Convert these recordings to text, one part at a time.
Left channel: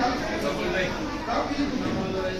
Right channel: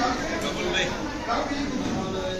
double leg.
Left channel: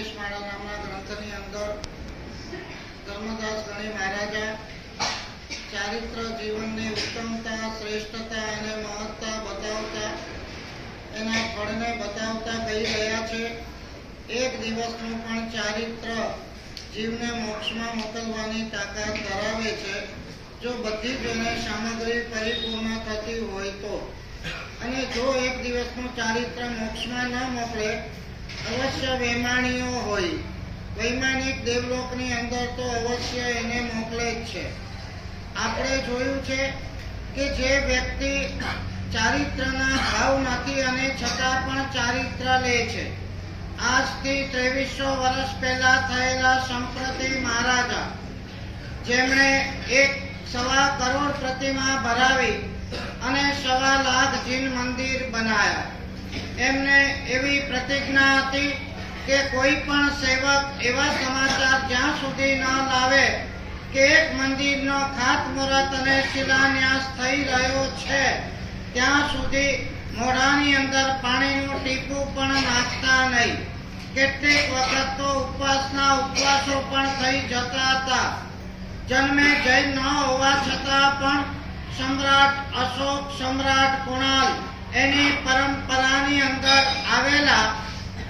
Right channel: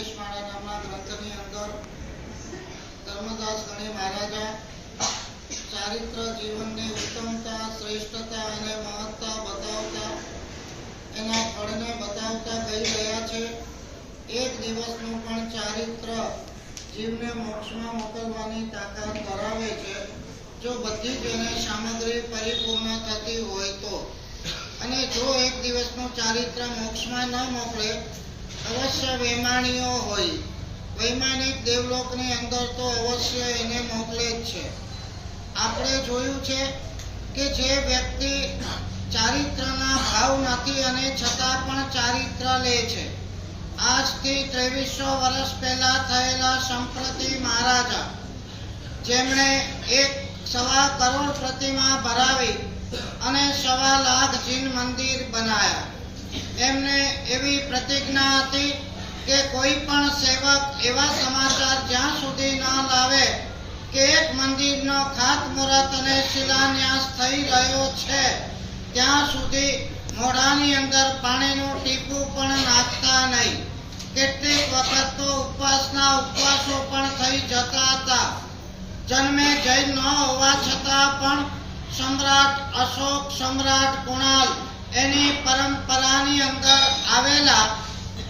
ઉપદેશમાળા નામના ગ્રંથની અંદર ધર્મદાસ ગણી મહારાજા ચારિત્ર જીવનની ઉત્તમતા, શ્રેષ્ઠતા અને મહત્તા બતાવતા, એના ફળને બતાવતા કહી રહ્યા છે. એક દિવસનું પણ ચારિત્ર જીવને મોક્ષમાં મોકલવાની તાકાત ધરાવે છે. જો બધી જ એને સામગ્રી પરિપૂર્ણ થતી હોય તો. અને જો એક દિવસનું ચારિત્ર મોક્ષમાં ન મોકલે અવશ્ય વૈમાણીઓ હોય. વૈમાનિક દેવલોકની અંદર તો અવશ્ય એને મોકલે જ છે. આપણે જોયું છે કે જે વ્યક્તિ ચારિત્રના ભાવ નથી અને છતાં પણ ચારિત્ર લે છે. આજથી ત્રેવીસો વર્ષ પહેલા થયેલા સંપ્રતિ મહારાજા, જેમણે એક સવા કરોડ પ્રતિમા ભરાવી અને સવા લાખ જીન મંદિર બનાયા. એમને એવી પ્રતિજ્ઞા હતી કે કોઈ પણ સેવક એવા સમાચાર જ્યાં સુધી ન લાવે કે એક મંદિરનો ખાતમુહૂર્ત અને શિલાન્યાસ થઈ રહ્યો છે, ત્યાં સુધી મોઢાની અંદર પાણીનું ટીપું પણ નાખતા નહીં. કેટલીક વખત તો ઉપવાસના ઉપવાસો પણ થઈ જતા હતા. જન્મે જૈન ન હોવા છતાં પણ સમ્રાટ અશોક સમ્રાટ કુણાલ એની પરંપરાની અંદર આવેલા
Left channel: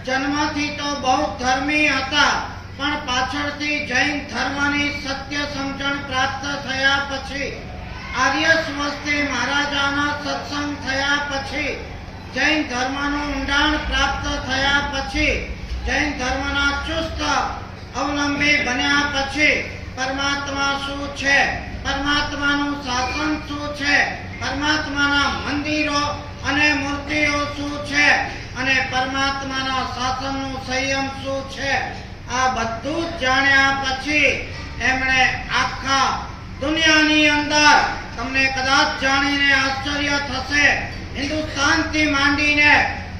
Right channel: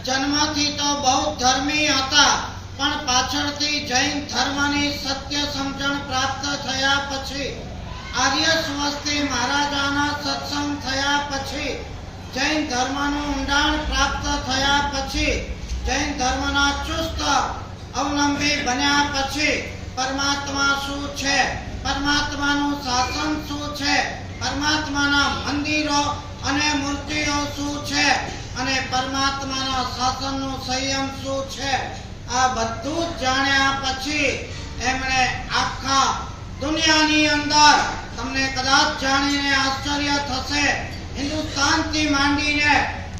જન્મથી તો બહુ ધર્મી હતા, પણ પાછળથી જૈન ધર્મની સત્ય સમજણ પ્રાપ્ત થયા પછી, આર્ય સ્વસ્તી મહારાજાના સત્સંગ થયા પછી, જૈન ધર્મનું ઊંડાણ પ્રાપ્ત થયા પછી, જૈન ધર્મના ચુસ્ત અવલંબી બન્યા પછી, પરમાત્મા શું છે? પરમાત્માનું શાસન શું છે? પરમાત્માના મંદિરો અને મૂર્તિઓ શું છે? અને પરમાત્માના શાસનનું સંયમ શું છે? આ બધું જાણ્યા પછી એમણે આખા દુનિયાની અંદર તમને કદાચ જાણીને આશ્ચર્ય થશે, હિન્દુસ્તાનથી માંડીને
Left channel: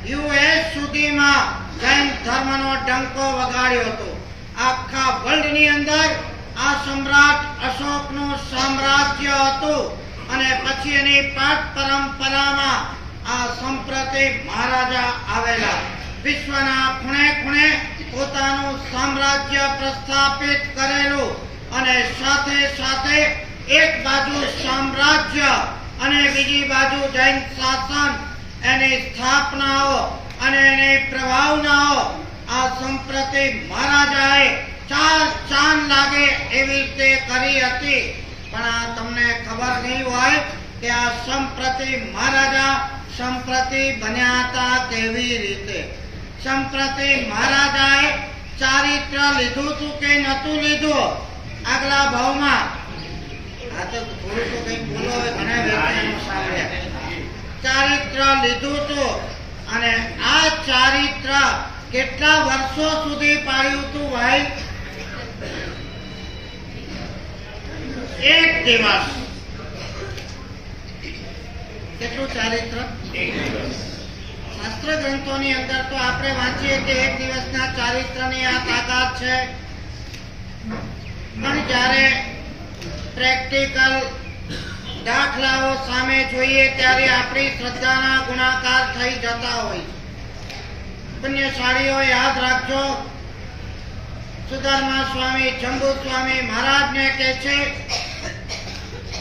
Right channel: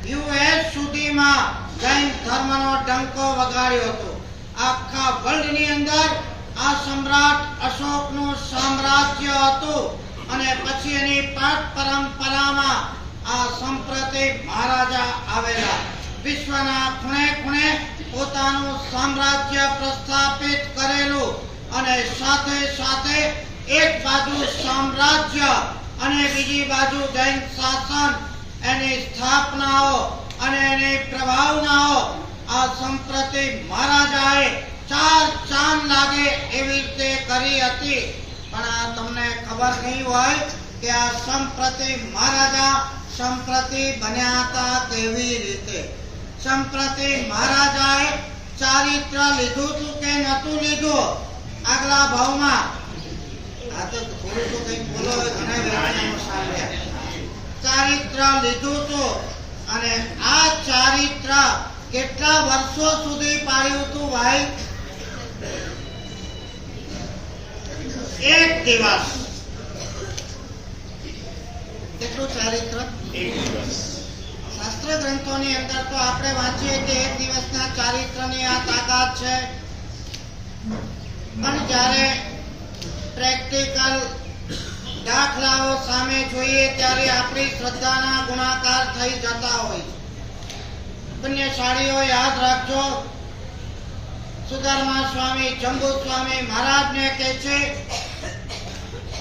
યુએસ સુધીમાં જૈન ધર્મનો ડંકો વગાડ્યો હતો. આખા વર્લ્ડની અંદર આ સમ્રાટ અશોકનું સામ્રાજ્ય હતું અને પછી એની પાઠ પરંપરામાં આ સંપ્રતિ મહારાજા આવેલા. વિશ્વના ખૂણે ખૂણે પોતાનું સામ્રાજ્ય પ્રસ્થાપિત કરેલું અને સાથે સાથે એક બાજુ સામ્રાજ્ય અને બીજી બાજુ જૈન શાસન, એની સ્થાપનાઓ અને એની પ્રભાવનાઓ આ સંપ્રતિ મહારાજાએ ચાર ચાંદ લાગે એવી રીતે કરી હતી. પણ આ તમને ખબર નહીં હોય કે આ સંપ્રતિ મહારાજા સંપ્રતિ બન્યા હતા કેવી રીતે. સંપ્રતિ, મહારાજાએ ચારિત્ર લીધું હતું કે નતું લીધું? આગલા ભાવમાં. આ તો થોડું તો કંઈક બોલો ઘણા વ્યક્તિઓ સાંભળ્યા. ચારિત્ર લીધું હતું અને આ ચારિત્ર કેટલા વર્ષો સુધી પાડ્યું હતું ભાઈ? એક દિવસ. કેટલું ચારિત્ર? એક દિવસ. શાસ્ત્ર ગ્રંથોની અંદર તો આપણે વાંચીએ કે એક દિવસના ચારિત્રની આ તાકાત છે. પણ જ્યારે પ્રેક્ટિકલ દાખલાઓ સામે જોઈએ ત્યારે આપણી શ્રદ્ધાના ગુણાકાર થઈ જતા હોય છે. પુણ્યશાળીઓ યાદ રાખજો સુધર્મા સ્વામી જંબુ સ્વામી મહારાજને કહે છે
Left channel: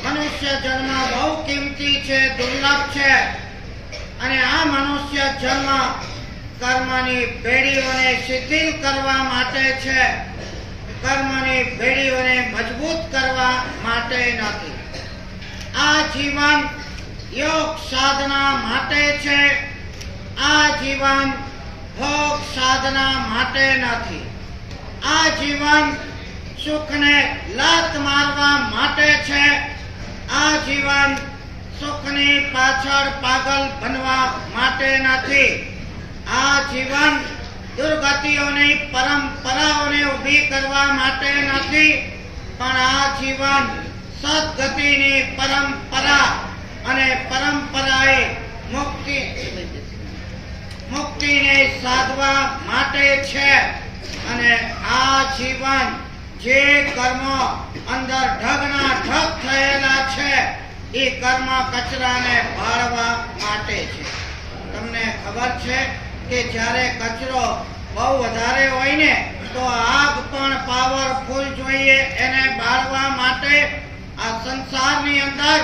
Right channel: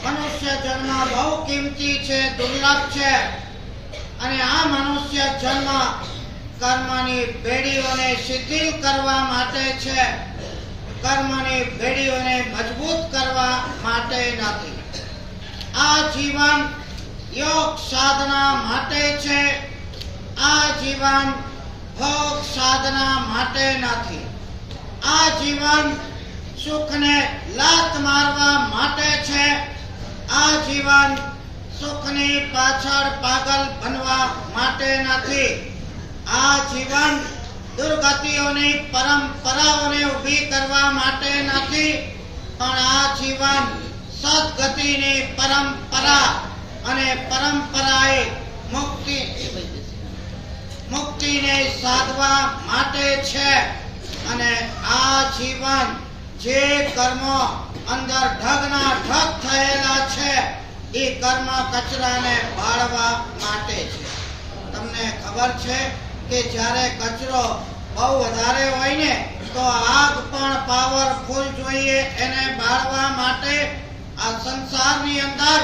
મનુષ્ય જન્મ બહુ કિંમતી છે, દુર્લભ છે. અને આ મનુષ્ય જન્મ કર્મની પેઢીઓને શિથિલ કરવા માટે છે. કર્મની પેઢીઓને મજબૂત કરવા માટે નથી. આ જીવન યોગ સાધના માટે છે. આ જીવન ભોગ સાધના માટે નથી. આ જીવન સુખને લાત મારવા માટે છે. આ જીવન સુખની પાછળ પાગલ બનવા માટે નથી. આ જીવન દુર્ગતિઓની, પરંપરાઓને ઊભી કરવા માટે નથી, પણ આ જીવન સદગતિની પરંપરા અને પરંપરાએ મુક્તિ મુક્તિને સાધવા માટે છે. અને આ જીવન જે કર્મો અંદર ઢગના ઢગ થયેલા છે. એ કર્મ કચરાને બાળવા માટે છે. તમને ખબર છે કે જ્યારે કચરો બહુ વધારે હોય ને, તો આગ પણ પાવરફુલ જોઈએ એને બાળવા માટે. આ સંસારની અંદર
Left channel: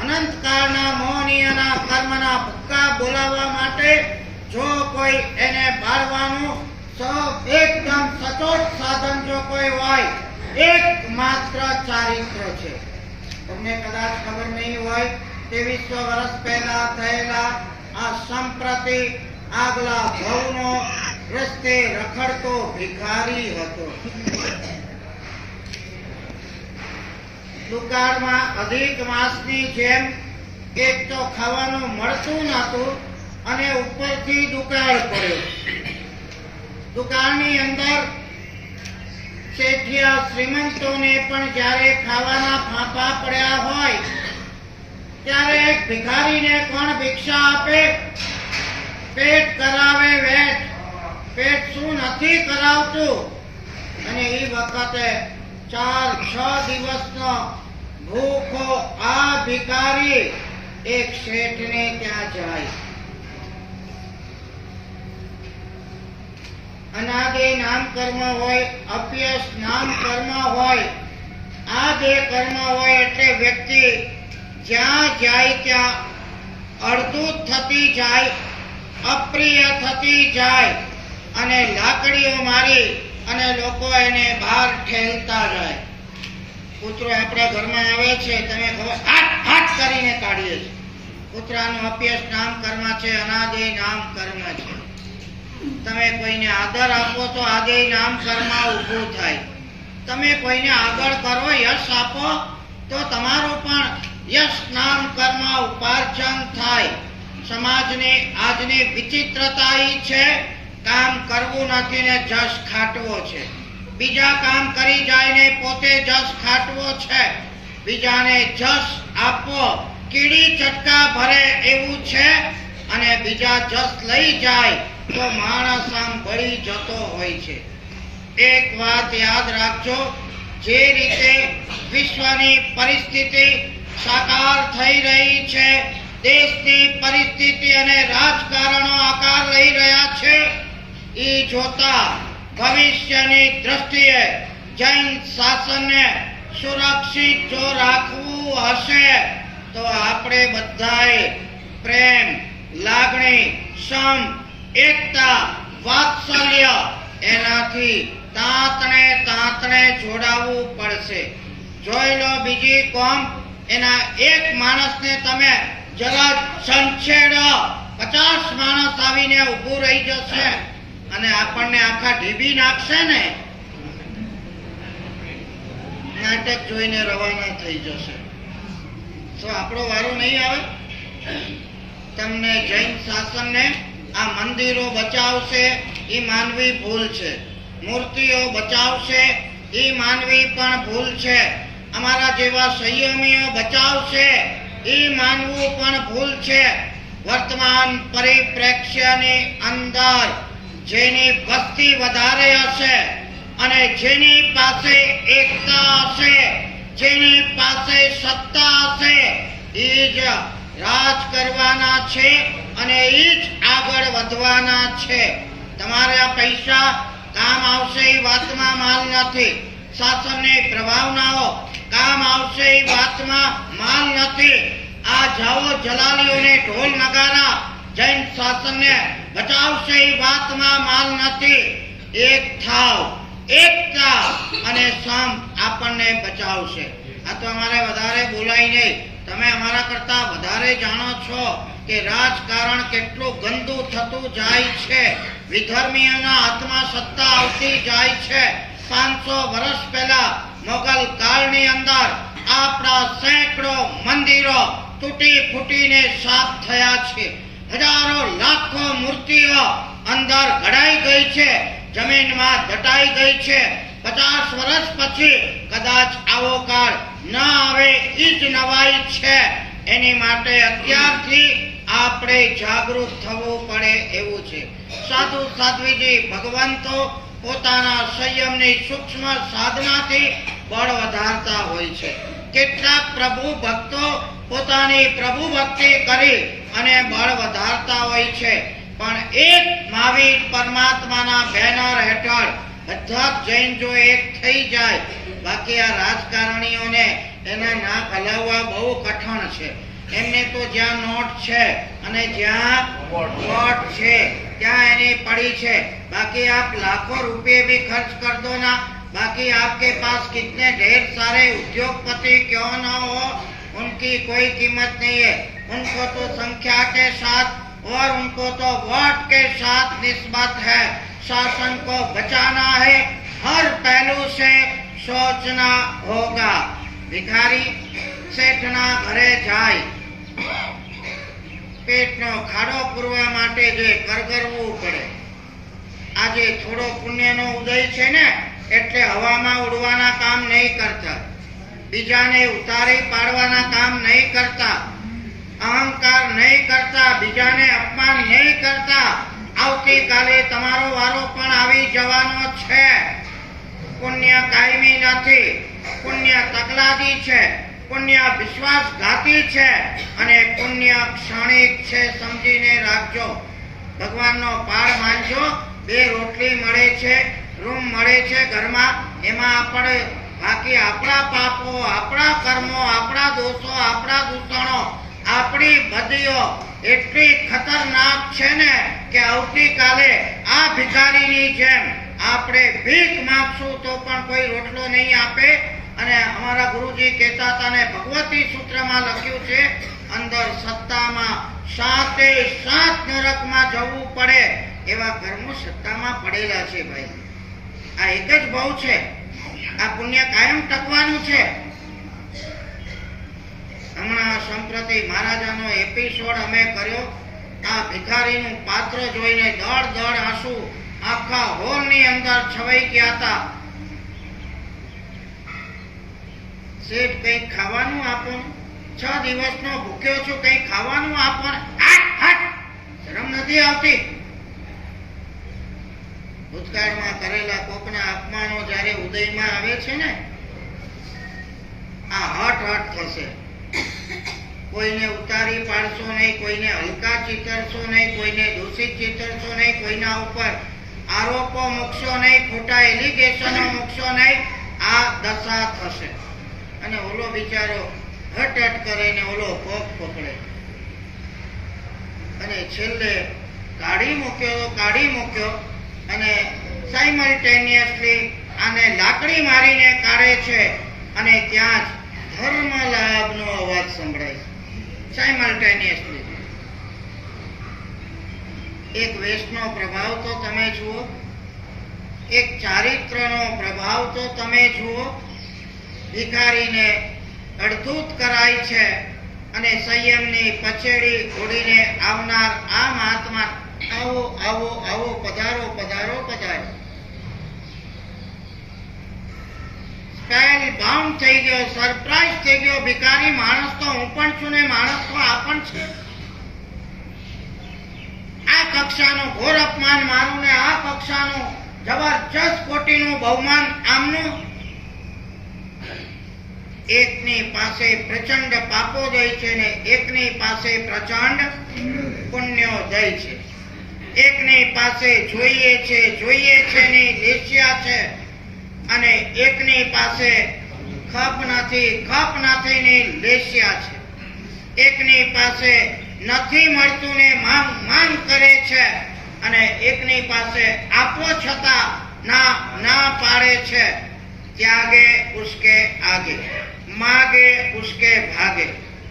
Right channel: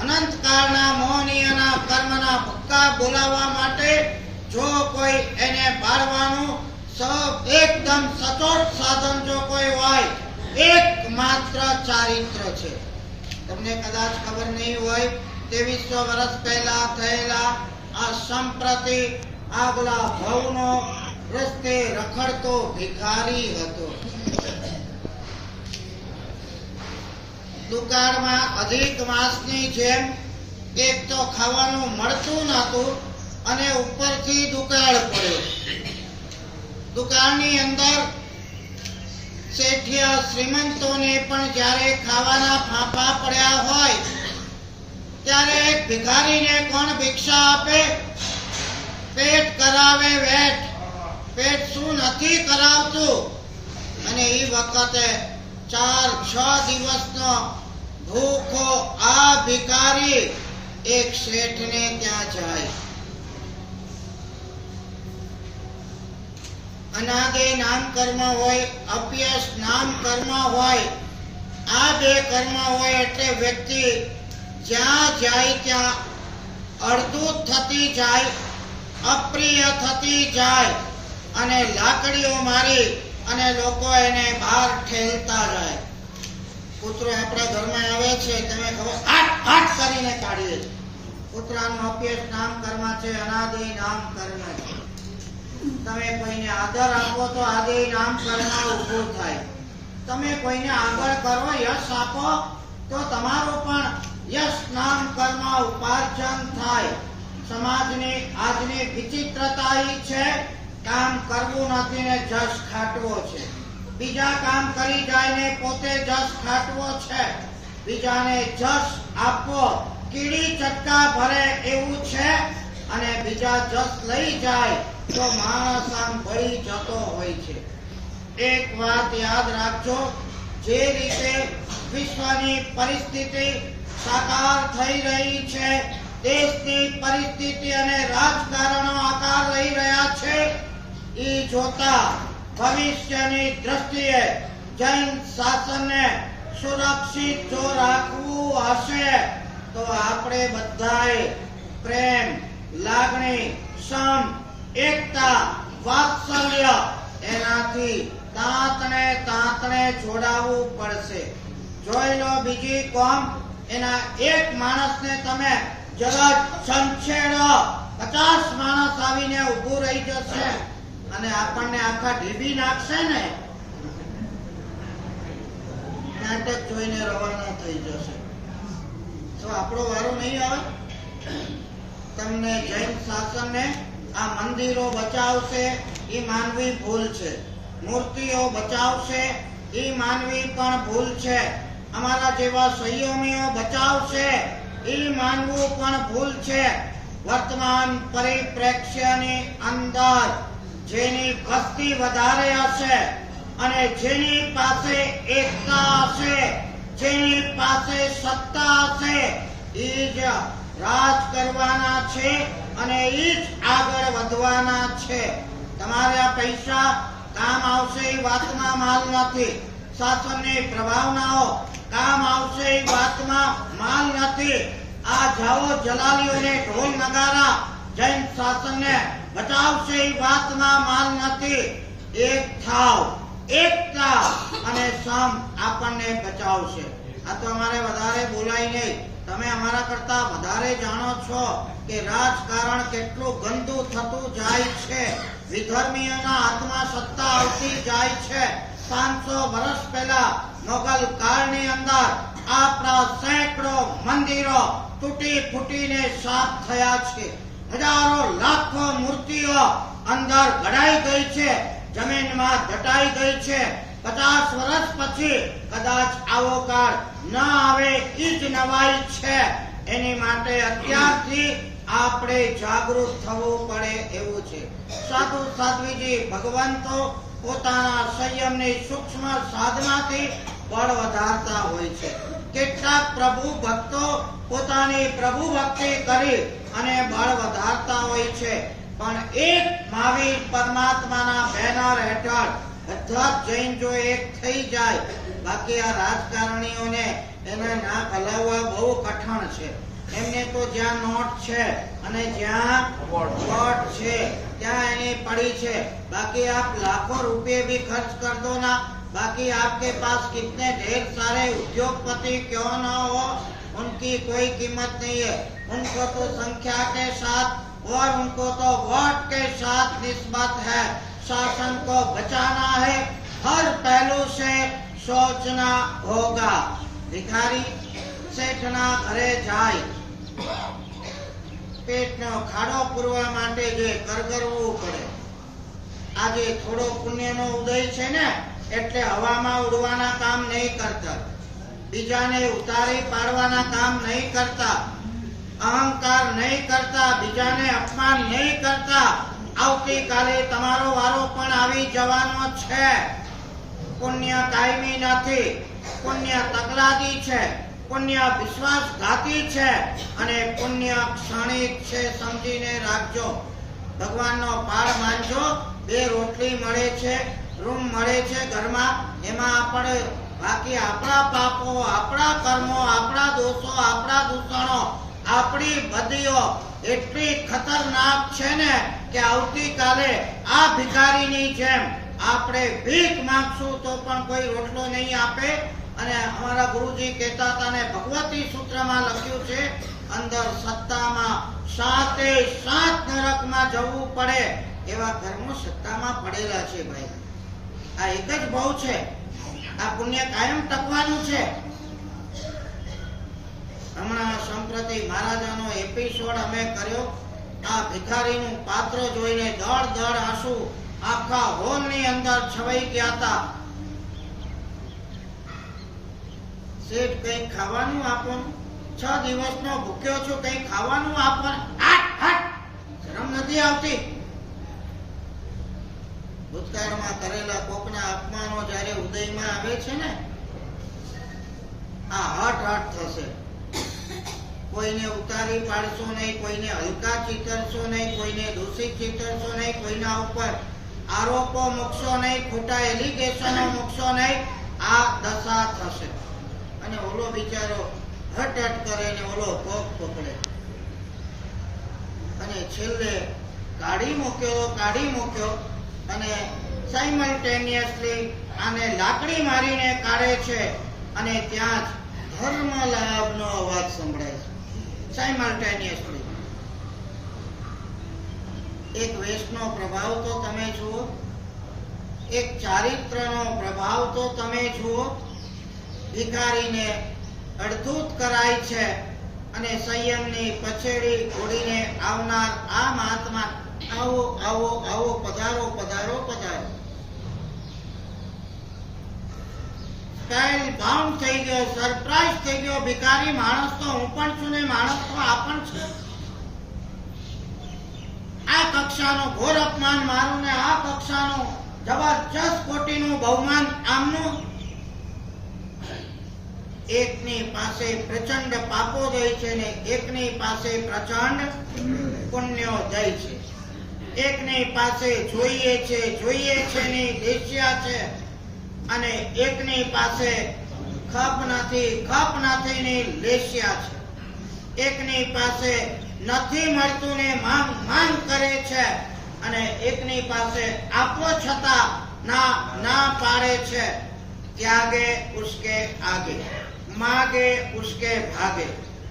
અનંતકાળના મોહનીયના કર્મના ભૂક્કા બોલાવવા માટે જો કોઈ એને બાળવાનું સ- એકદમ સચોટ સાધન જો કોઈ હોય એકમાત્ર ચારિત્ર છે. તમને કદાચ ખબર નહીં હોય, ત્રેવીસો વર્ષ પહેલા થયેલા આ સંપ્રતિ આગલા ભવનો રસ્તે રખડતો ભિખારી હતો. દુકાળમાં અધિક માસની જેમ એક તો ખાવાનું મળતું નહોતું અને ઉપરથી દુકાળ પડ્યો. દુકાળની અંદર શેઠિયા શ્રીમંતોને પણ જ્યારે ખાવાના ફાંફા પડ્યા હોય, ત્યારે ભિખારીને કોણ ભિક્ષા આપે? પેટ કરાવે વેઠ. પેટ શું નથી કરાવતું? અને એ વખતે ચાર, છ દિવસનો ભૂખો આ ભિખારી એક શેઠને ત્યાં જાય. અનાદે નામ કર્મ હોય, અપ્યસ નામ કર્મ હોય આ બે કર્મ હોય એટલે વ્યક્તિ જ્યાં જાય ત્યાં અડધું થતી જાય, અપ્રિય થતી જાય અને લાકડીઓ મારી અને લોકો એને બહાર ઠેલતા જાય. કૂતરો આપણા ઘરમાં આવે છે, તમે ખબર આઠ આઠ કરીને કાઢીએ છીએ. કૂતરાનું અપ્યસ નામ કર્મ છે, અનાદે નામ કર્મ છે. તમે કોઈને આદર આપો તો આદે નામ કર્મ ઊભું થાય. તમે કોઈને આગળ કરો, યશ આપો, તો તમારો પણ યશ નામ કર્મ ઉપાર્જન થાય. સમાજની આજની વિચિત્રતા છે, કામ કરવું નથી ને જશ ખાટવો છે. બીજા કામ કરી જાય ને પોતે જશ ખાટવો છે. બીજાને જશ આપવો કીડી ચટકા ભરે એવું છે, અને બીજા જશ લઈ જાય તો માણસ આમ ભળી જતો હોય છે. એક વાત યાદ રાખજો, જે રીતે વિશ્વની પરિસ્થિતિ સાકાર થઈ રહી છે, દેશની પરિસ્થિતિ અને રાજકારણો આકાર લઈ રહ્યા છે એ જોતા ભવિષ્યની દ્રષ્ટિએ જૈન શાસનને સુરક્ષિત જો રાખવું હશે, તો આપણે બધાએ પ્રેમ, લાગણી સમ એકતા, વાત્સલ્ય, એનાથી તાંતને તાંતને જોડાવવું પડશે. જોઈ લો બીજી કોમ, એના એક માણસને તમે જરા સંછેડો પચાસ માણસ આવીને ઊભું રહી જશે અને આપણને આખા ઢીબી નાખશે ને? નાટક જોઈને રવાના થઈ જશે. તો આપણો વારો નહીં આવે? તમને જૈન શાસનને આ મંદિરો બચાવશે એ માનવી ભૂલ છે. મૂર્તિઓ બચાવશે એ માનવી પણ ભૂલ છે. અમારા જેવા સંયમીઓ બચાવશે એ માનવું પણ ભૂલ છે. વર્તમાન પરિપ્રેક્ષ્યની અંદર જેની વસ્તી વધારે હશે અને જેની પાસે એકતા હશે, જેની પાસે સત્તા હશે, એ જ રાજ કરવાના છે અને એ જ આગળ વધવાના છે. તમારા પૈસા કામ આવશે એ વાતમાં માલ નથી. શાસનની પ્રભાવનાઓ કામ આવશે એ વાતમાં માલ નથી. આ જાઓ જલાલીઓને ઢોલ નગારા જૈન શાસનને બચાવશે એ વાતમાં માલ નથી. એક થાવ એકતા અને સમ આપણને બચાવશે. આ તો અમારે વધારે બોલાય નહીં. તમે અમારા કરતા વધારે જાણો છો કે રાજકારણ કેટલું ગંદુ થતું જાય છે. વિધર્મીઓના હાથમાં સત્તા આવતી જાય છે. પાંચસો વર્ષ પહેલા મોગલ કાળની અંદર આપણા સેંકડો મંદિરો તૂટી ફૂટીને સાફ થયા છે. હજારો લાખો મૂર્તિઓ અંદર ઘડાઈ ગઈ છે. જમીનમાં દટાઈ ગઈ છે. પચાસ વર્ષ પછી કદાચ આવો કાળ ન આવે એ જ નવાઈ છે. એની માટે અત્યારથી આપણે જાગૃત થવું પડે એવું છે. સાધુ સાધ્વીજી ભગવંતો પોતાના સંયમની સૂક્ષ્મ સાધનાથી બળ વધારતા હોય છે. કેટલાક પ્રભુ ભક્તો પોતાની પ્રભુ ભક્તિ કરી અને બળ વધારતા હોય છે. પણ એક મહાવીર પરમાત્માના બેનર હેઠળ બધા જ જૈન જો એક થઈ જાય બાકી આ રાજકારણીઓને એના નાક હલાવવા બહુ કઠણ છે એમને તો જ્યાં નોટ છે અને જ્યાં વોટ છે ત્યાં એની પડી છે બાકી આપ લાખો रुपए भी खर्च कर दो ना बाकी आपके पास कितने ढेर सारे उद्योगपति क्यों न हो उनकी कोई कीमत नहीं है उनको तो संख्या के साथ और उनको तो वोट के साथ निस्बत है शासन को बचाना है हर पहलू से सोचना होगा भिखारी શેઠના ઘરે જાય પેટનો ખાડો પૂરવા માટે જે કરગરવું પડે આજે થોડો પુણ્યનો ઉદય છે ને એટલે હવામાં ઉડવાના કામ નહીં કરતા બીજાને ઉતારી પાડવાના કામ નહીં કરતા અહંકાર નહીં કરતા બીજાને અપમાન નહીં કરતા આવતીકાલે તમારો વારો પણ આવી જવાનો છે. પુણ્ય કાયમી નથી. પુણ્ય તકલાદી છે. પુણ્ય વિશ્વાસઘાતી છે. અને પુણ્ય ક્ષણિક છે સમજીને રાખજો. ભગવાનનો પાડ માનજો. બે રોટલી મળે છે, રૂમ મળે છે ઘરમાં. એમાં આપણે બાકી આપણા પાપો, આપણા કર્મો, આપણા દોષો, આપણા દૂષણો, આપણી બદીઓ એટલી ખતરનાક છે ને કે આવતીકાલે આ ભિખારીની જેમ આપણે ભીખ માંગશું તો પણ કોઈ રોટલો નહીં આપે. અને અમારા ગુરુજી કહેતા હતા ને, ભગવતી સૂત્રમાં લખ્યું છે, અંદર સત્તામાં સાતે સાત નરકમાં જવું પડે. એવા કર્મો સત્તામાં પડેલા છે ભાઈ. આ એક જ બહુ છે. આ પુણ્ય કાયમ ટકવાનું છે. હમણાં સંપ્રતિ મહારાજાનો એપિસોડ અમે કર્યો. આ ભિખારીનું પાત્ર જોઈને દળ દળ આંસુ આખા હોલની અંદર છવાઈ ગયા હતા. શેઠ કંઈક ખાવાનું આપો છ દિવસનો ભૂખ્યો છું કંઈક ખાવાનું આપો. શરમ નથી આવતી. ભૂતકાળમાં કરેલા કોકના અપમાનો જ્યારે ઉદયમાં આવે છે ને, આ હટ હટ થશે. કોઈને ઉતારી પાડશો નહીં, કોઈને હલકા ચીતરશો નહીં, કોઈને દોષિત ચીતરશો નહીં, કોઈના ઉપર આરોપો મૂકશો નહીં, ખોટા એલિગેશનો મૂકશો નહીં, આ દશા થશે. અને ઓલો બિચારો હટ હટ કરે ને ઓલો પગ પકડે. અને છેલ્લે કાઢી મૂક્યો કાઢી મૂક્યો અને સાઇમલટેનિયસલી આને લાકડી મારીને કાઢે છે. અને ત્યાં જ ધર્મ લાભનો અવાજ સંભળાય છે. સાયમલ્ટેનિયસલી એક વેસ્ટનો પ્રભાવ તો તમે જુઓ. એક ચારિત્રનો પ્રભાવ તો તમે જુઓ. ભિખારીને અડધૂત કરાય છે અને સંયમની પછેડી ઘોડીને આવનાર આ મહાત્મા આવો આવો આવો પધારો પધારો પધારો. સ્પેલ બાઉન્ડ થઈ ગયો સરપ્રાઈઝ થઈ ગયો, ભિખારી માણસ તો હું પણ છું ને માણસ તો આ પણ છે. આ કક્ષાનો ઘોર અપમાન મારું ને આ કક્ષાનો જબરજસ્ત કોટીનું બહુમાન આમનું. એકની પાસે પ્રચંડ પાપોદય છે ને એકની પાસે પ્રચંડ પુણ્યો જાય છે. એકની પાસે જોઈએ છે જોઈએ છે ની લેશિયા છે. અને એકની પાસે ખપ નથી ખપ નથી ની લેશિયા છે. એકની પાસે નથી મળતું ને માંગ માંગ કરે છે અને એકની પાસે આપો છતાં ના ના પાડે છે. ત્યાગે ઉસકે આગે, માગે ઉસકે ભાગે.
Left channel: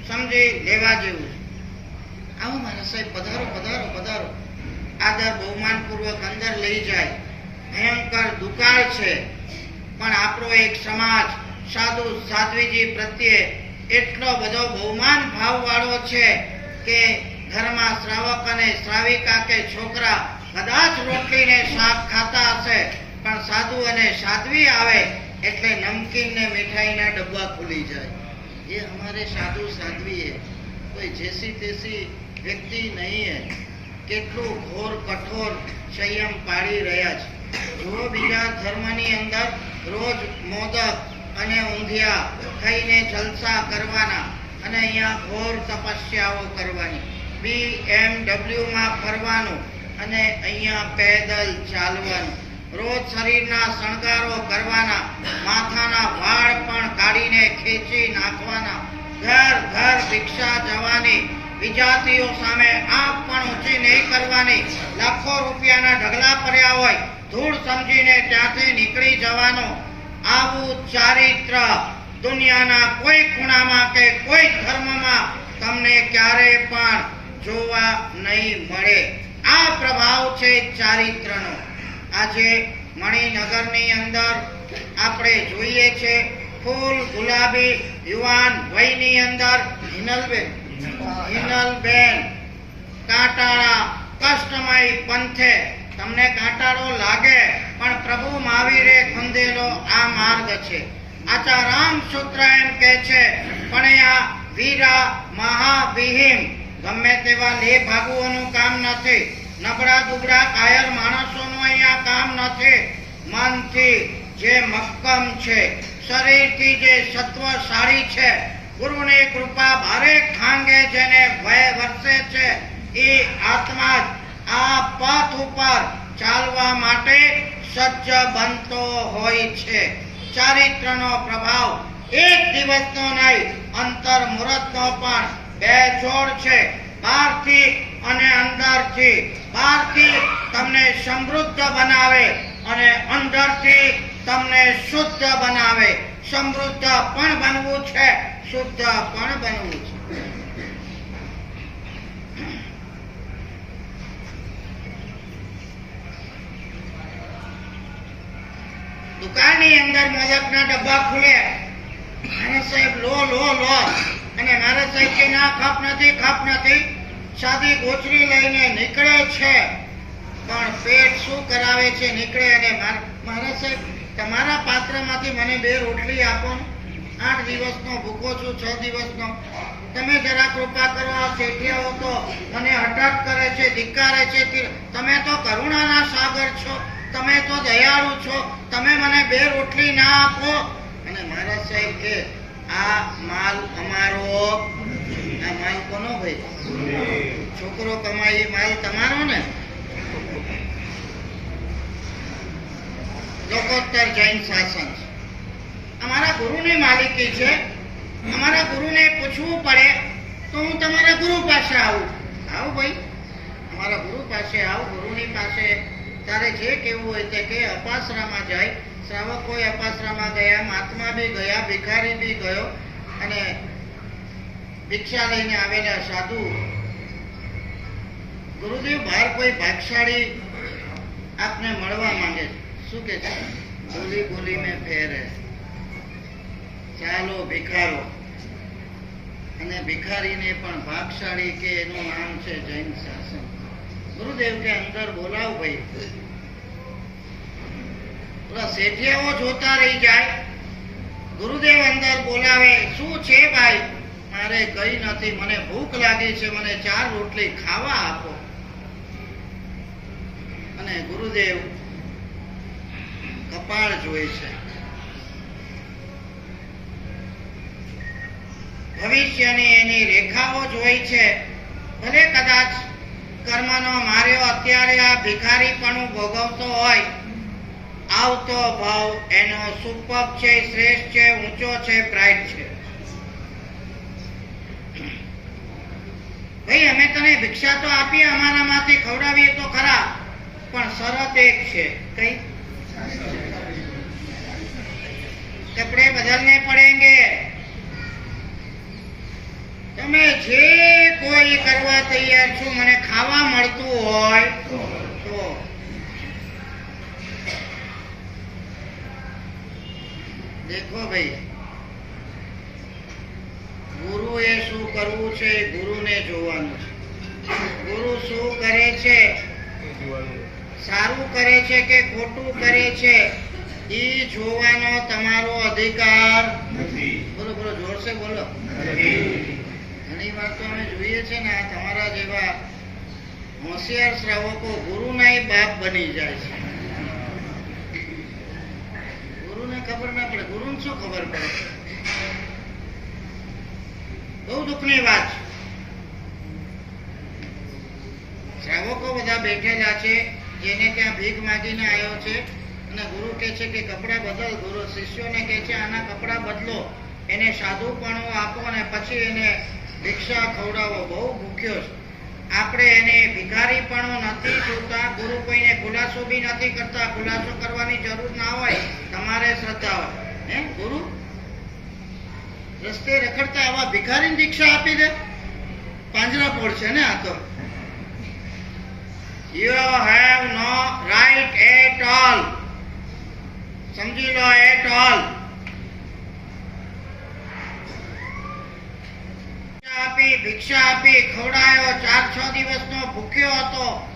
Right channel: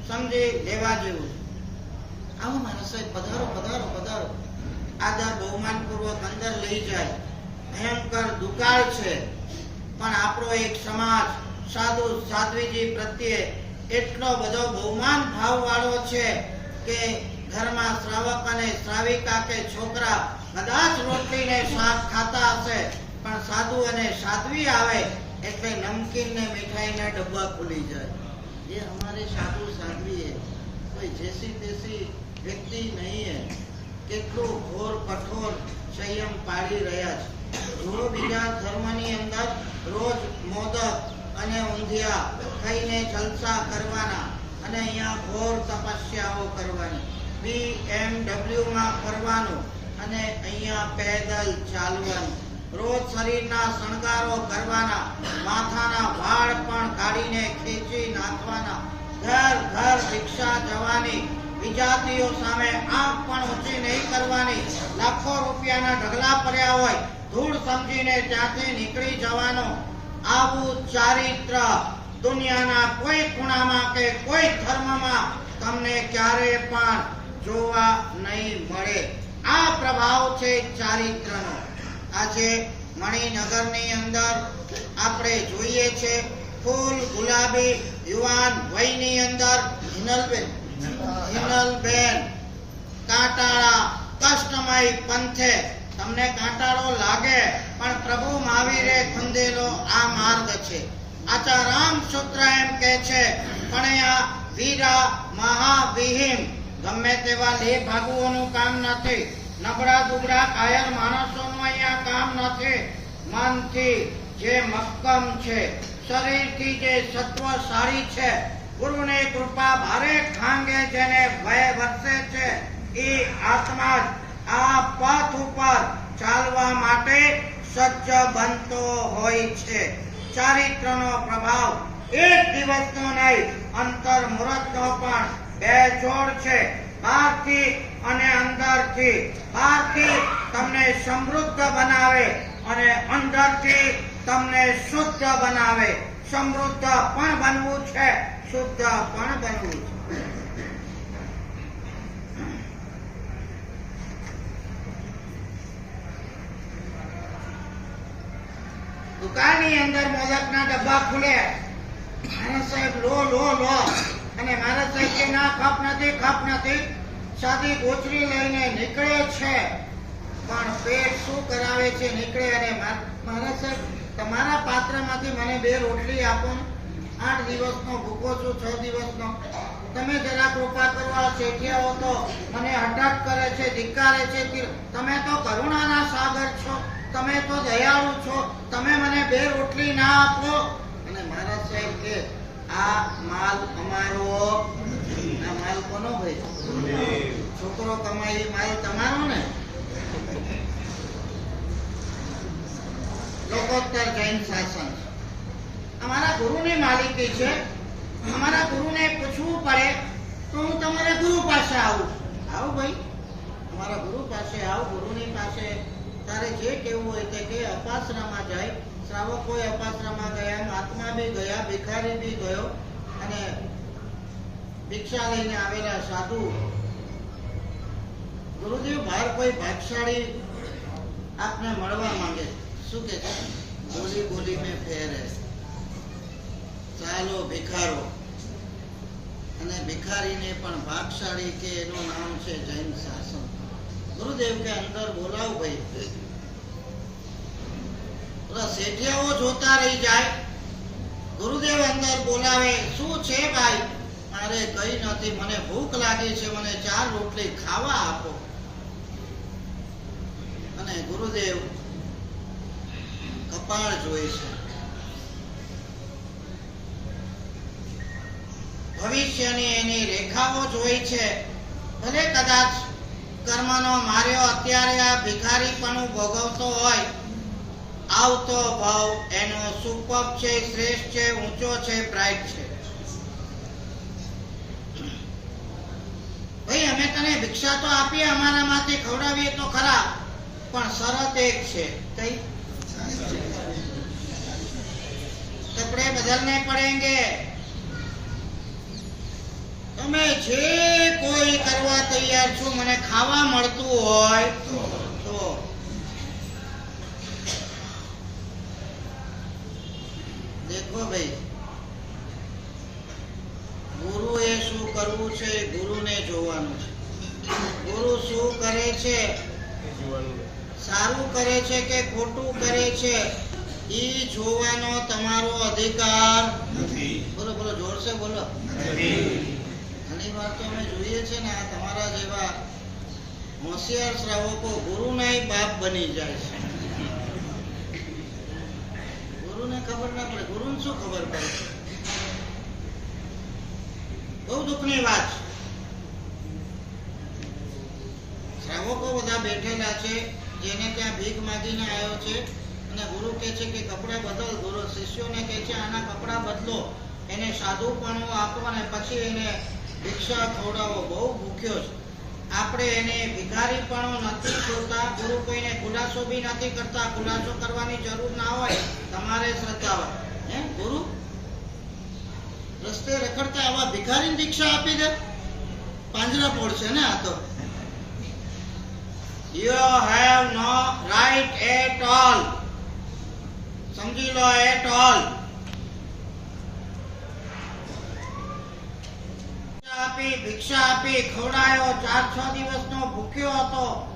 સમજી લેવા જેવું છે. આવો મારા સાહેબ, પધારો પધારો પધારો. આદર બહુમાનપૂર્વક અંદર લઈ જાય. ભયંકર દુકાળ છે. પણ આપણો એક સમાજ, સાધુ સાધ્વીજી પ્રત્યે એટલો બધો બહુમાન ભાવવાળો છે કે ઘરમાં શ્રાવક અને શ્રાવિકા કે છોકરા કદાચ રોટલીને શાક ખાતા હશે, પણ સાધુ અને સાધ્વી આવે એટલે નમકીન ને મીઠાઈના ડબ્બા ખુલી જાય. એ અમારે સાધુ સાધ્વી હે કોઈ જેસી તેસી વ્યક્તિ નહીં હે. કેટલું ઘોર કઠોર સંયમ પાડી રહ્યા છે. જો બીજા ધર્મની અંદર રોજ મોદક અને ઊંધિયા ખાઈને જલસા કરવાના અને અહીંયા ઘોર તપસ્યાઓ કરવાની. બી એમ માં ફરવાનું અને અહીંયા પેદલ ચાલવાનું. રોજ શરીરના શણગારો કરવાના, માથાના વાળ પણ કાઢીને ખેંચી નાખવાના. ઘર ઘર ભિક્ષા જવાની, વિજાતીઓ સામે આંખ પણ ઊંચી નહીં કરવાની. લાખો રૂપિયાના ઢગલા પડ્યા હોય ધૂળ સમજીને ત્યાંથી નીકળી જવાનો. આવું ચારિત્ર દુનિયાના કોઈ ખૂણામાં કે કોઈ ધર્મમાં તમને ક્યારે પણ જોવા નહીં મળે. આ પ્રભાવ છે ચારિત્રનો. આજે મણિનગરની અંદર આપણે જોઈએ છે ફૂલ ગુલાબી યુવાન વયની અંદર હિનલબેન. હિનલબેન. કાંટાળા કષ્ટમય પંથે તમને કાંટાળો લાગે, પણ પ્રભુ મહાવીરે ખંદેલો આ માર્ગ છે. આચારામ સૂત્ર એમ કે છે પણ આ વીરા મહાવિહીમ. ગમે તેવા લે ભાગુઓનું કામ નથી. નબળા દુબળા કાયર માણસોનું અહીંયા કામ નથી. મનથી જે મક્કમ છે, શરીરથી જે સત્વશાળી છે, ગુરુની કૃપા ભારે ખાંગે જેને ભય વરસે છે એ આત્મા આ પથ ઉપર ચાલવા માટે સજ્જ બનતો હોય છે. ચારિત્રનો પ્રભાવ એક દિવસનો નહીં અંતર મુહૂર્તનો પણ બે જોડ છે. બહારથી અને અંદરથી. બહારથી તમને સમૃદ્ધ બનાવે અને અંદરથી તમને શુદ્ધ બનાવે. સમૃદ્ધ પણ બનવું છે, શુદ્ધ પણ બનવું છે. દુકાનની અંદર મોદકના ડબ્બા ખુલે. નારદ સાહેબ, લો લો લો. અને નારદ સાહેબ કે, ના, ખપ નથી ખપ નથી. સાદી ગોચરી લઈને નીકળે છે. પણ પેટ શું કરાવે છે, નીકળે અને માર- સાહેબ, તમારા પાત્રમાંથી મને બે રોટલી આપો આઠ દિવસનો ભૂખો છું, છ દિવસનો. તમે જરા કૃપા કરો, આ શેઠિયાઓ તો મને હઠાટ કરે છે, ધિક્કારે છે. તમે તો કરુણાના સાગર છો. તમે તો દયાળુ છો. તમે મને બે રોટલી ના આપો. અને મારા સાહેબ કે, આ માલ અમારો. આ માલ કોનો ભાઈ? છોકરો કમાય માલ તમારો ને? લોકોત્તર જૈન શાસન. અમારા ગુરુની માલિકી છે. અમારા ગુરુને પૂછવું પડે, તો હું તમારા ગુરુ પાસે આવું. આવું ભાઈ. અમારા ગુરુ પાસે આવું, ગુરુની પાસે તારે જે કેવું હોય તે કે અપાસરામાં જાય શ્રાવક અપાસરામાં ગયા, મહાત્મા બી ગયા, ભિખારી બી ગયો અને ભિક્ષા લઈને આવેલા સાધુ ગુરુદેવ બહાર કોઈ ભાગશાળી આપને મળવા માંગે શું કે છે? બોલી બોલી મેં ફેરે. ચાલો ભિખારો. અને ભિખારીને પણ ભાગશાળી કે એનું નામ છે જૈન શાસન. ગુરુદેવ કે અંદર બોલાવ ભાઈ. શેઠિયાઓ જોતા રહી જાય. ગુરુદેવ અંદર બોલાવે, શું છે ભાઈ? મારે કઈ નથી, મને ભૂખ લાગી છે, મને ચાર રોટલી ખાવા આપો. અને ગુરુદેવ કપાળ જોઈ છે. ભવિષ્યની એની રેખાઓ જોઈ છે. ભલે કદાચ કર્મનો માર્યો અત્યારે આ ભિખારીપણું ભોગવતો હોય. આવતો ભાવ એનો સુપર છે શ્રેષ્ઠ છે ઊંચો છે બ્રાઇટ છે. ભાઈ અમે તને ભિક્ષા તો આપીએ અમારામાંથી ખવડાવીએ તો ખરા પણ શરત એક છે. કઈ? કપડે બદલને પડેંગે. તમે જે કોઈ કરવા તૈયાર છો, મને ખાવા મળતું હોય, તો. દેખો ભાઈ, ગુરુએ શું કરવું છે ગુરુ ગુરુને જોવાનું છે. ગુરુ શું કરે છે? સારું કરે છે કે ખોટું કરે છે? એ જોવાનો તમારો અધિકાર બોલો બોલો જોરસે બોલો. ઘણી ને શ્રાવકો ના બધા બેઠેલા છે, જેને ત્યાં ભીખ માગીને આવ્યો છે અને ગુરુ કહે છે કે કપડાં બદલ. ગુરુ શિષ્યોને કહે છે, આના કપડાં બદલો. એને સાધુપણું આપો અને પછી એને ભિક્ષા ખવડાવો બહુ ભૂખ્યો છે. આપણે એને ભિખારીપણું નથી જોતા, ગુરુ કોઈને ખુલાસો બી નથી કરતા, ખુલાસો કરવાની જરૂર ના હોય, તમારે શ્રદ્ધા હોય. હે, ગુરુ? રસ્તે રખડતા આવા ભિખારી દીક્ષા આપી દે. પાંજરા પડશે ને આ તો. You have no right at all સમજી લો એટ ઓલ આપી, ભિક્ષા આપી, ખવડાયો, ચાર છ દિવસનો ભૂખ્યો હતો.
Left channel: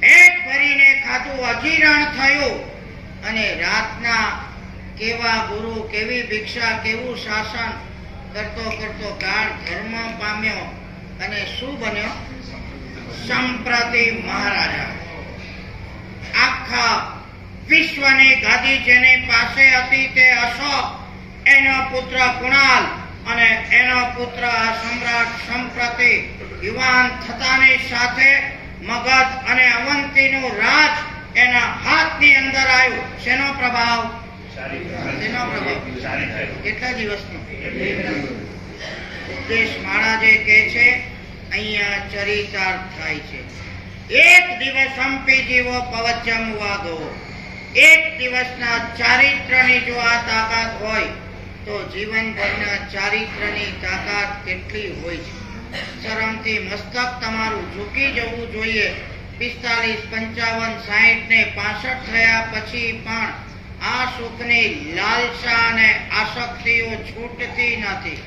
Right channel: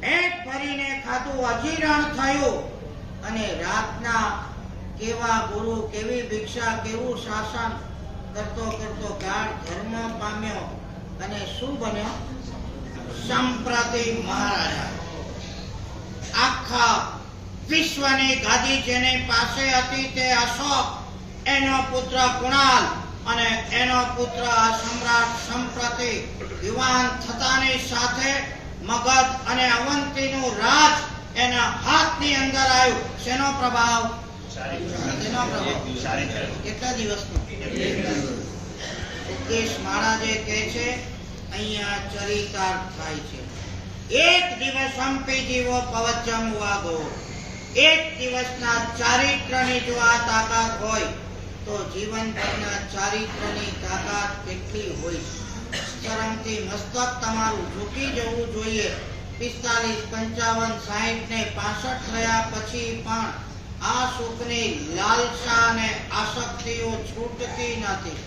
પેટ ભરીને ખાધું, અજીરણ થયું. અને રાતના કેવા ગુરુ, કેવી ભિક્ષા, કેવું શાસન કરતો કરતો ગાઢ ધર્મ પામ્યો અને શું બન્યો? સંપ્રતિ મહારાજા. આખા વિશ્વની ગાદી જેની પાસે હતી તે અશોક, એનો પુત્ર કુણાલ અને એનો પુત્ર આ સમ્રાટ સંપ્રતિ યુવાન થતાની સાથે મગધ અને અવંતીનું રાજ એના હાથની અંદર આવ્યું. શેનો પ્રભાવ? શેનો પ્રભાવ? કેટલા દિવસનો ઉપદેશ મહારાજે કહે છે, અહીંયા ચરિતાર્થ થાય છે. એક દિવસ હંપી જીવો પવચમ વાગો. એક દિવસના ચારિત્રની જો આ તાકાત હોય તો જીવનભરના ચારિત્રની તાકાત કેટલી હોય છે? શરમથી મસ્તક તમારું ઝૂકી જવું જોઈએ. પિસ્તાલીસ, પંચાવન, સાહીઠ ને પાસઠ થયા પછી પણ આ સુખની લાલસા અને આસક્તિઓ છૂટતી નથી.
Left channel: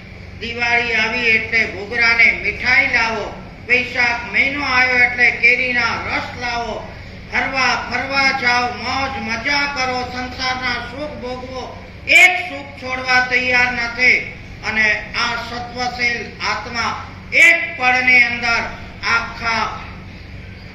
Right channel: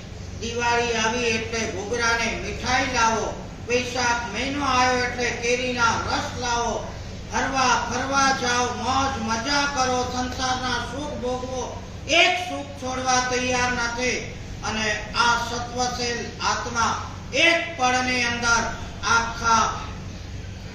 દિવાળી આવી એટલે ઘૂઘરાને મીઠાઈ લાવો, વૈશાખ મહિનો આવ્યો એટલે કેરીના રસ લાવો. ફરવા ફરવા જાઓ, મોજ મજા કરો, સંસારના સુખ ભોગવો. એક સુખ છોડવા તૈયાર નથી. અને આ સત્વશીલ આત્મા એક પળની અંદર આખા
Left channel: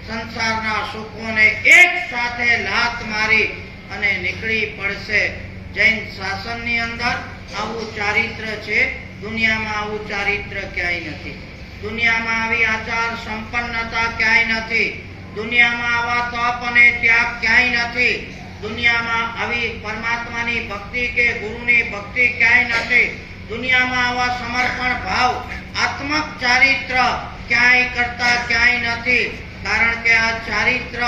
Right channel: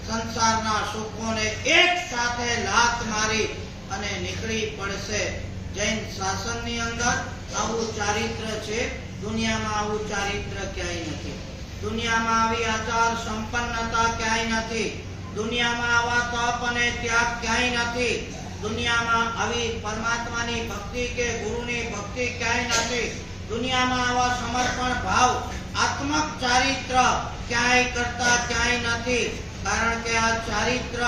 સંસારના સુખોને એક સાથે લાત મારી અને નીકળી પડશે. જૈન શાસનની અંદર આવું ચારિત્ર છે. દુનિયામાં આવું ચારિત્ર ક્યાંય નથી. દુનિયામાં આવી આચાર સંપન્નતા ક્યાંય નથી. દુનિયામાં આવા તપ અને ત્યાગ ક્યાંય નથી. દુનિયામાં આવી પરમાત્માની ભક્તિ કે ગુરુની ભક્તિ ક્યાંય નથી. દુનિયામાં આવા સમર્પણ ભાવ, આત્મક ચારિત્ર ક્યાંય કરતા ક્યાંય નથી. કારણ કે આ ચારિત્ર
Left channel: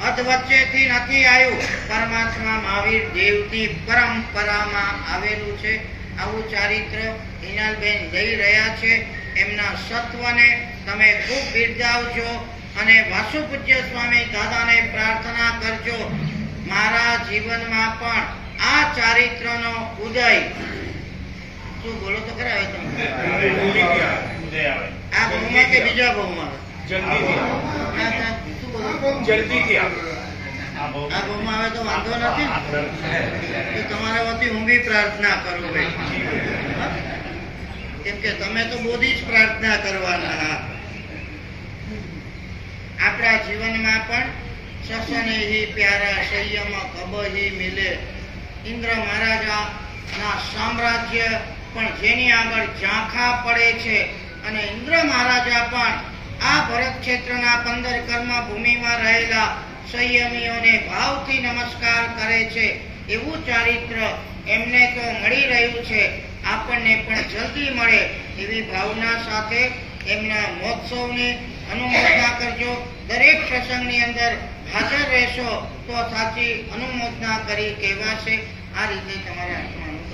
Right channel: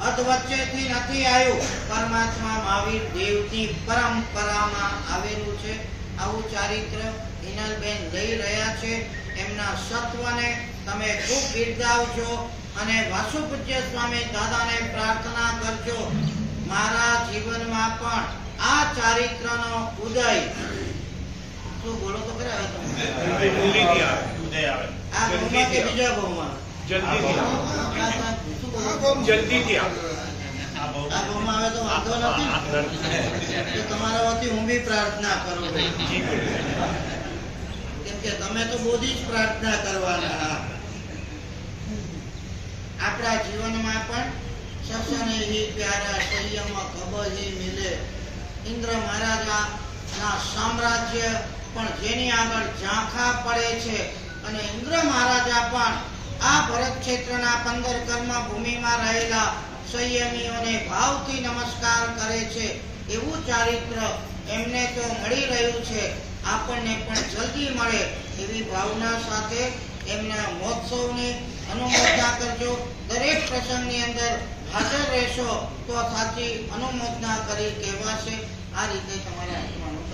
અધવચ્ચેથી નથી આવ્યું. પરમાત્મા મહાવીર દેવની પરંપરામાં આવેલું છે. આવું ચારિત્ર હિનાલબેન દઈ રહ્યા છે. એમના સત્વને તમે ખૂબ બિરદાવજો અને વાસુપૂજ્ય સ્વામી દાદાને પ્રાર્થના કરજો. મારા જીવનમાં પણ આ ચારિત્રનો ઉદય શું બોલો તો ખરા તમે? કે બીજા નથી? તમારા વતી હું પ્રાર્થના કરું કેમ કે તમે તો બોધી જ પ્રાર્થના કરવાના. આપણા જીવનમાં પણ સસનેહી પ્યારા સંયમ કબહી મિલે. ઇન્દ્ર મહારાજા ના સામ્રાજ્ય પણ જેની આગળ ઝાંખા પડે છે અને ઇન્દ્ર મહારાજા પણ આ ભરત ક્ષેત્રના પંદર કર્મ ભૂમિમાં રહેલા સંયમીઓને ભાવથી નમસ્કાર કરે છે. એવું ચારિત્ર એમને તો મળી રહ્યું છે. આપણને પણ જલ્દી મળે એવી ભાવના સાથે એમના મહોત્સવની અનુમોદના કરજો. દરેક પ્રસંગની અંદર હાજર રહેશો તો સાચી અનુમોદના કરી કહેવાશે આ રીતે તમારે આત્માનું